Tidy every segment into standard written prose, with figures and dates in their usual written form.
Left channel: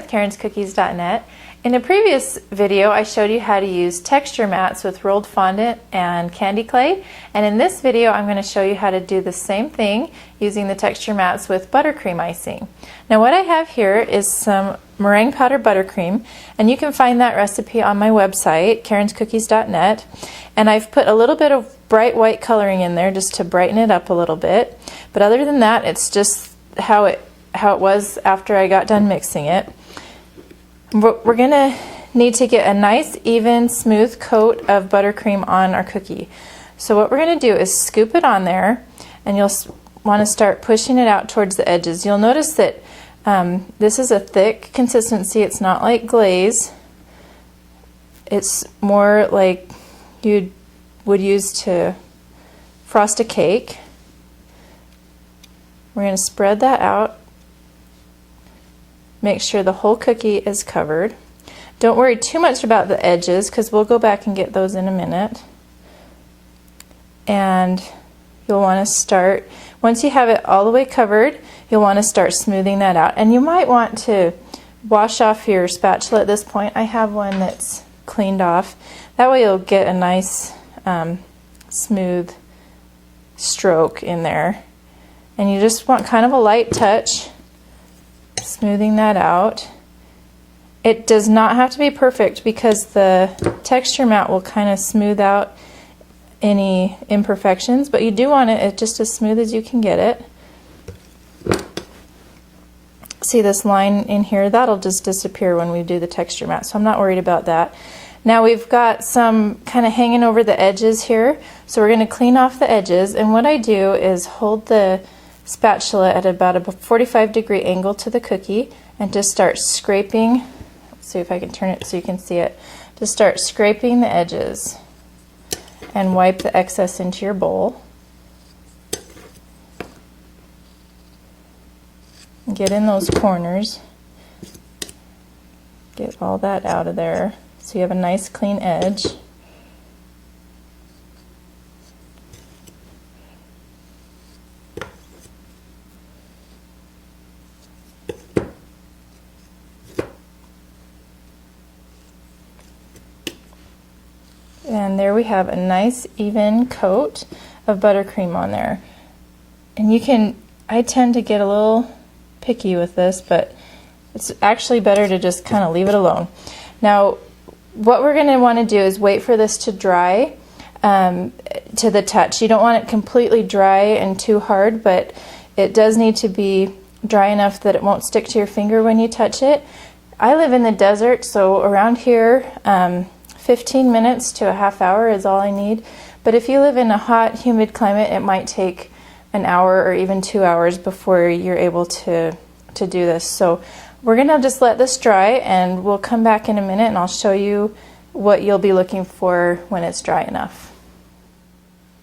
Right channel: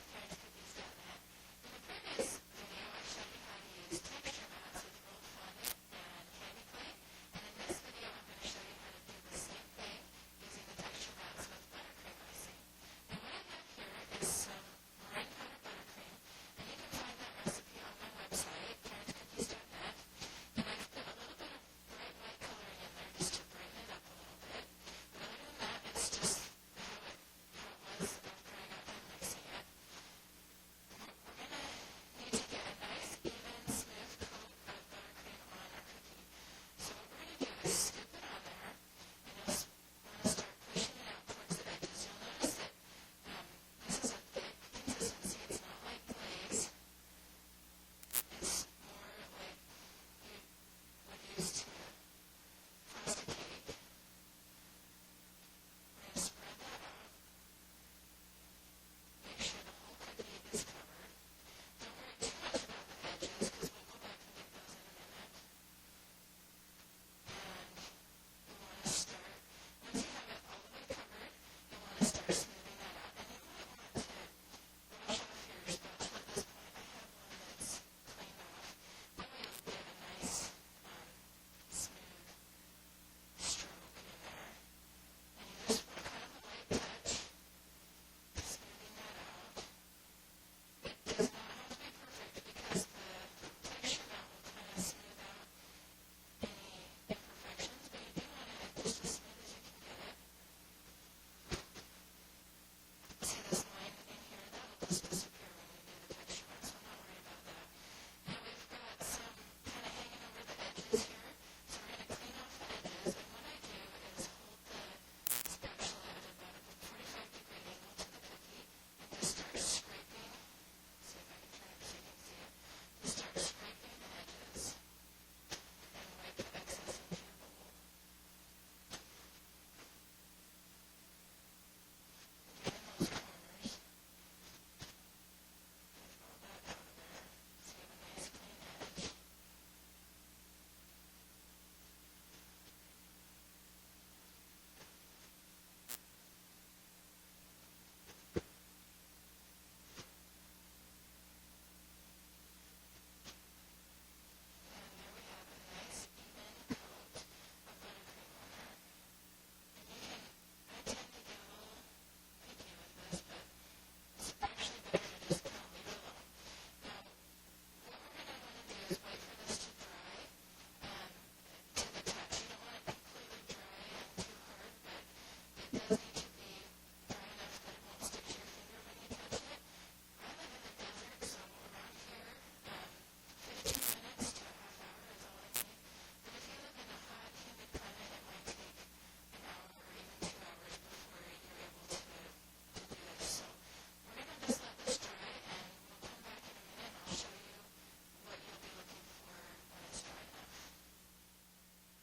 with karenscookies.net. In a previous video I showed you how to use texture mats with rolled fondant and candy clay, and in this video I'm going to show you how to do the same thing using the texture mats with buttercream icing. Now what I have here is some meringue powder buttercream, and you can find that recipe on my website karenscookies.net, and I've put a little bit of bright white coloring in there just to brighten it up a little bit, but other than that it's just how it was after I got done mixing it. We're going to need to get a nice even smooth coat of buttercream on our cookie. So what we're going to do is scoop it on there, and you'll want to start pushing it out towards the edges. You'll notice that this is a thick consistency. It's not like glaze. It's more like you would use to frost a cake. We're going to spread that out. Make sure the whole cookie is covered. Don't worry too much about the edges because we'll go back and get those in a minute. And you'll want to start, once you have it all the way covered, you'll want to start smoothing that out. And you might want to wash off your spatula at this point. I have one that's cleaned off. That way you'll get a nice smooth stroke in there. And you just want kind of a light touch, smoothing that out. It does not have to be perfect because the texture mat will kind of smooth out any imperfections, but you do want it just as smooth as you can get it. See this line in here? That'll just disappear when we do the texture mat, so I'm not worried about that. Now we've got some kind of hanging over the edges here, so we're going to clean off the edges, and what I do is hold the spatula at about a 45-degree angle to the cookie and just start scraping. Let's see if I can turn it so you can see it. Just start scraping the edges and wipe the excess into your bowl. Get in those corners. Get all that out of there so you have a nice clean edge. And there we have a nice even coat of buttercream on there. And you can, I tend to get a little picky with this, but it's actually better to just kind of leave it alone. Now what we're going to want to do is wait for this to dry to the touch. You don't want it completely dry and too hard, but it does need to be dry enough that it won't stick to your finger when you touch it. I live in the desert, so around here 15 minutes to a half hour is all I need. But if you live in a hot, humid climate, it might take an hour or even 2 hours before you're able to do this. So we're going to just let this dry, and we'll come back in a minute and I'll show you what you'll be looking for when it's dry enough.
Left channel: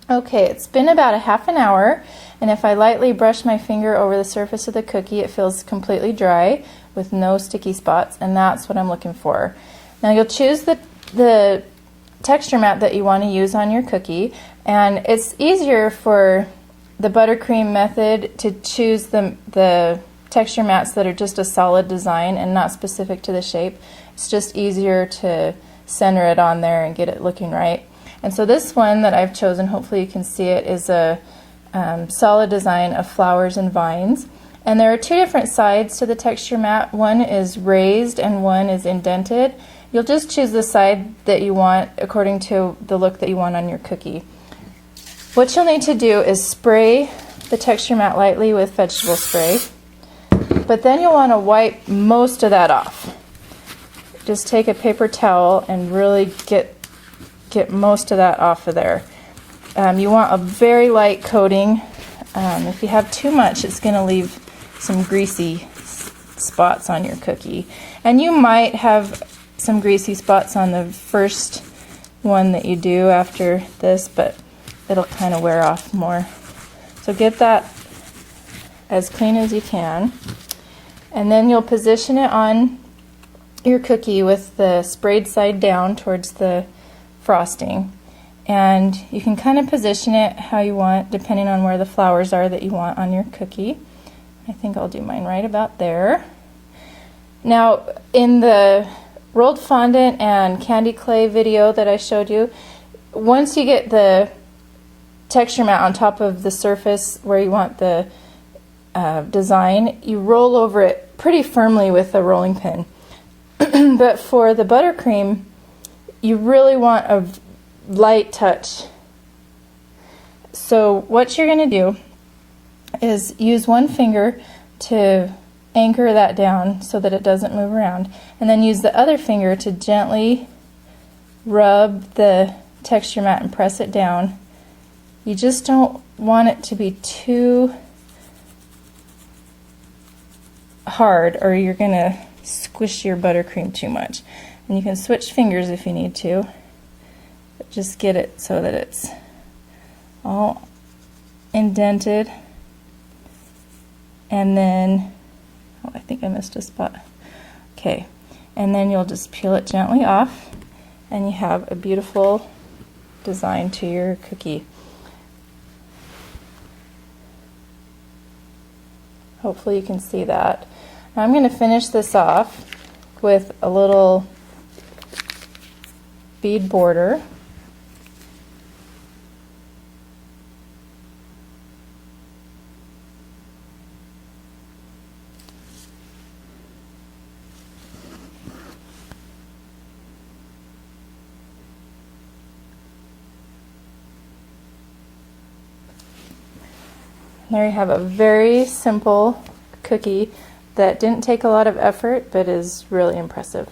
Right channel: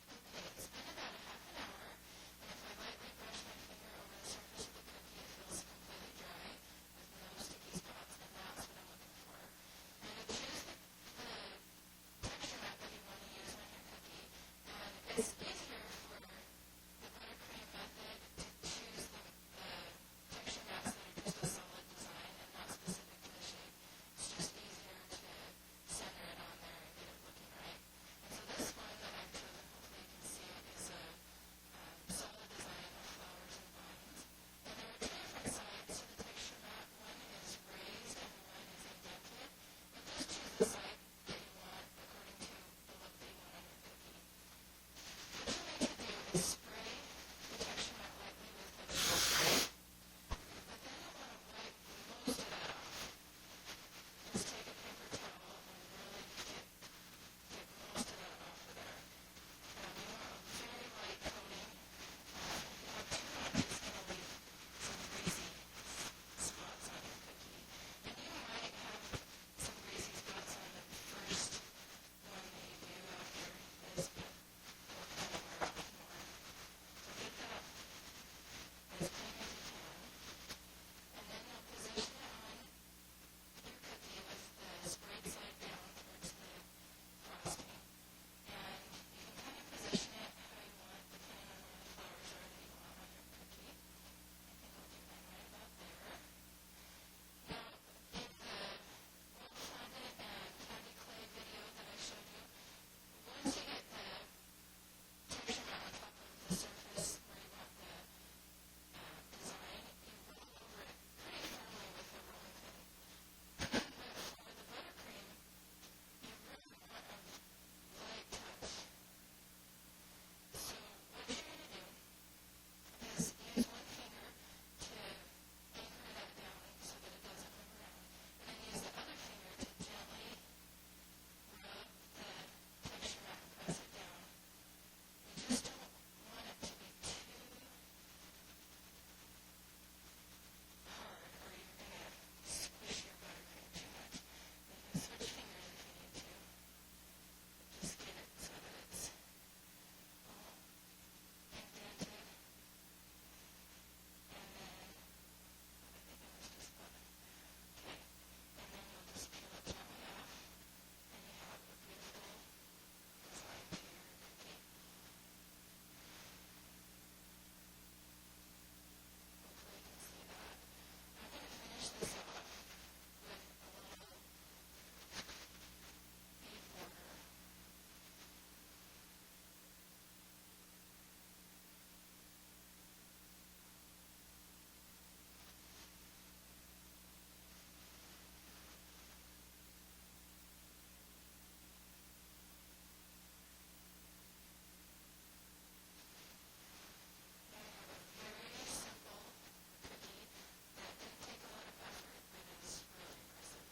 Okay, it's been about a half an hour, and if I lightly brush my finger over the surface of the cookie, it feels completely dry with no sticky spots, and that's what I'm looking for. Now you'll choose the texture mat that you want to use on your cookie, and it's easier for the buttercream method to choose the texture mats that are just a solid design and not specific to the shape. It's just easier to center it on there and get it looking right. And so this one that I've chosen, hopefully you can see it, is a solid design of flowers and vines. And there are two different sides to the texture mat. One is raised and one is indented. You'll just choose the side that you want according to the look that you want on your cookie. What you'll need to do is spray the texture mat lightly with vegetable spray, but then you'll want to wipe most of that off. Just take a paper towel and really get most of that off of there. You want a very light coating. If you have too much, it's going to leave some greasy spots on your cookie. And you might have some greasy spots on the first one that you do after this, but it'll kind of wear off more. So get that as clean as you can, and then you'll position it on your cookie with the sprayed side down towards the frosting, and you can kind of position it how you want depending on where the flowers are that you want on your cookie. I think I'll do mine right about there. Now, in the rolled fondant and candy clay video that I showed you, once you get the texture mat on top of the surface where you want the design, you roll over it pretty firmly with a rolling pin. But for the buttercream, you really want a light touch. So what you're going to do is use one finger to anchor that down so that it doesn't move around, and then use the other finger to gently rub the texture mat and press it down. You just don't want it to be too hard, or you're going to squish your buttercream too much. And you can switch fingers if you need to, but just get it so that it's all indented. And then, oh, I think I missed a spot. Okay, and then you'll just peel it gently off, and you have a beautiful design to your cookie. Hopefully you can see that. Now I'm going to finish this off with a little bead border. There you have a very simple cookie that didn't take a lot of effort but is really impressive.